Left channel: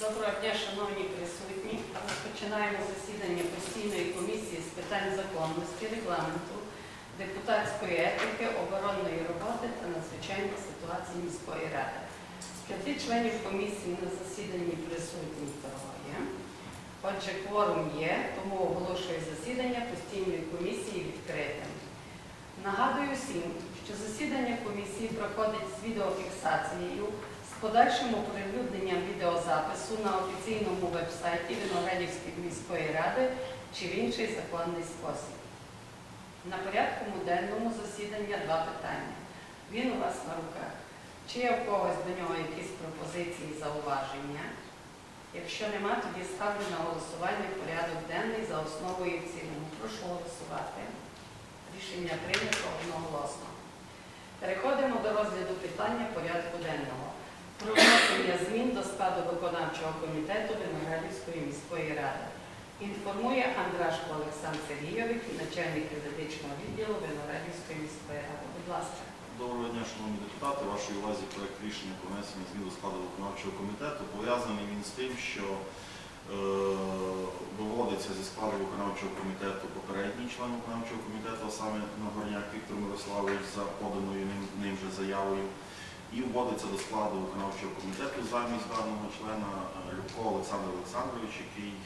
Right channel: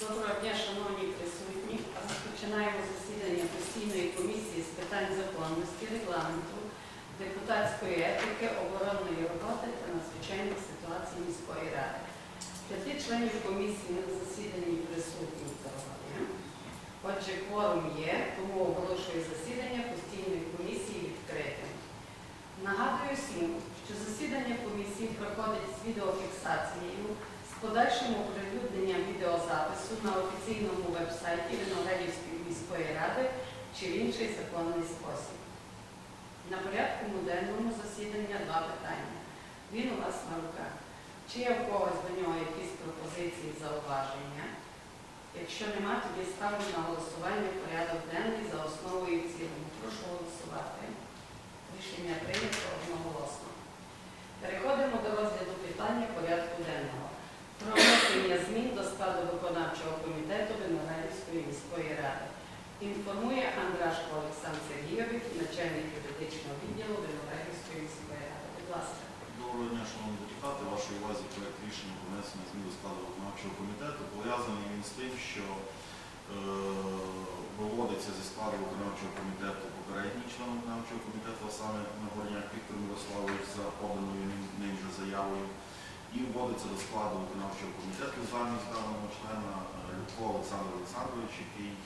Доброго дня, шановні присутні. Розпочинаємо засідання постійної комісії з питань законності, регламенту, депутатської етики, оборонної роботи та надзвичайних ситуацій міської ради. П'яти членів комісії на засіданні присутні троє. Отже, кворум є, тому оголошую засідання постійної комісії відкритим. Нагадую всім, що засідання комісії проходить з відеофіксацією з подальшим оприлюдненням відеозапису на офіційному вебсайті Виноградівської міської ради чи в інший законний спосіб. На порядку денному засідання два питання. Він у вас на руках. Чи є в когось до нього якісь пропозиції, зауваження? Якщо нема, тоді ставлю на голосування порядок денний за основу і в цілому. Прошу голосувати. Рішення прийнято одноголосно. Переходимо до розгляду питання порядку денного. Про внесення змін до складу виконавчого комітету Виноградівської міської ради. Інформує Андрашко Олександр Сергійович, начальник юридичного відділу Виноградівської міської ради. Будь ласка. Доброго дня, шановні депутати. Вашій увазі проект рішення про внесення змін до складу виконавчого комітету. Пов'язаний він з тим, що е, виводиться зі складу виконавчого комітету попередній член виконавчого комітету, а саме Нагорняк Віктор Мирославович за поданою ним, ним же заявою. І вводиться до складу виконавчого комітету замість даного члена е, Любко Олександр Олександрович, який е,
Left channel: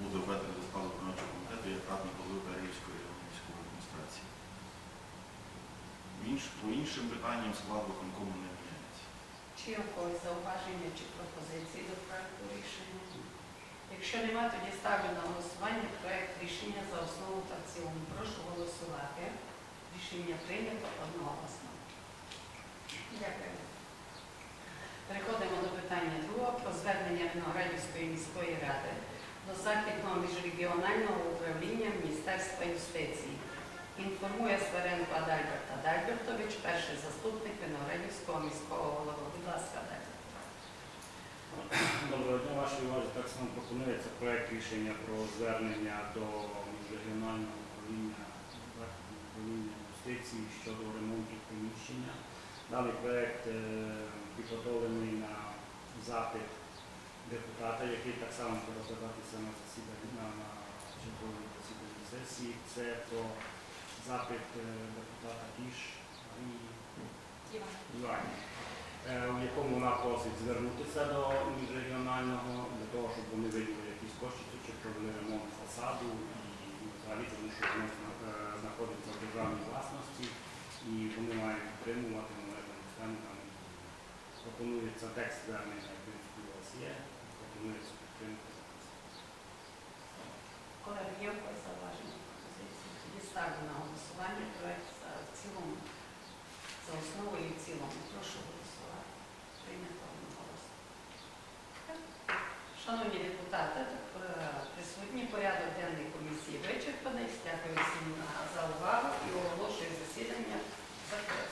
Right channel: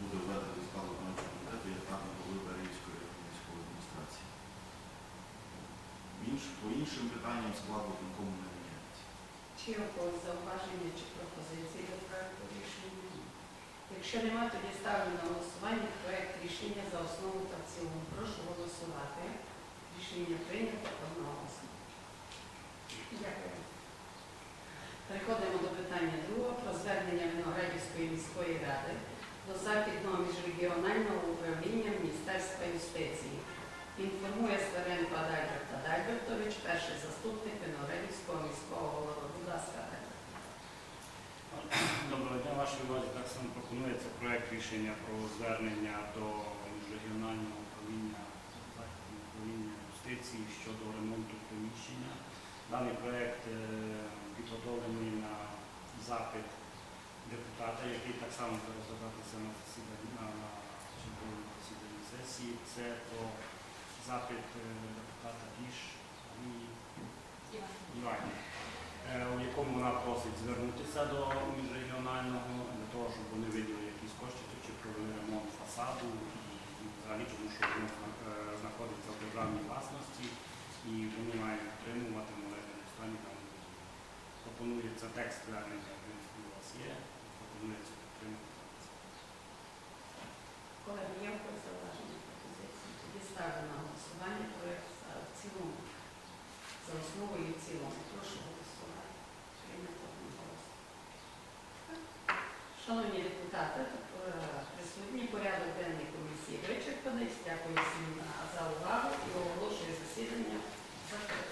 буде введений до складу виконавчого комітету як радник голови Берегівської районної військової адміністрації. Інш, по іншим питанням склад виконкому не міняється. Чи є зауваження чи пропозиції до проекту рішення? Якщо немає, тоді ставлю на голосування проект рішення за основу та в цілому. Прошу голосувати. Рішення прийнято одноголосно. Дякую. Переходимо до питання другого про звернення Виноградівської міської ради до Західного міжрегіонального управління Міністерства юстиції. Інформує Сваренко Адальберт Адальбертович, перший заступник Виноградівського міського голови. Будь ласка. Доброго дня, вашій увазі. Так само пропонується проект рішення про звернення до міжрегіонального управління західного управління юстиції щодо ремонту приміщення. Даний проект е, підготовлений на запит депутата, який так само буде розглядатися на засіданні на, на черговому засіданні сесії. Це про запит е, депутата Кіш Марії Іванівни, е, у якому вона просить звернутися до міжрегіонального для того, щоб вони виділили якісь кошти чи провели ремонт фасаду і ну, взагалі, тому що воно е, знаходиться в державній власності і вони мають підтримувати в належному стані будівлю. Пропонується текст звернення, в принципі, у вас є, пропонується підтримати зараз. Колеги, є в когось зауваження пропозиції? Тоді ставлю на голосування проект за в цілому, за основу і в цілому. Прошу голосувати. Прийнято голос. Шановні депутати, е, присутні порядок денний комісії вичерпаний. Дякую всім за увагу і оголошую засідання закритим.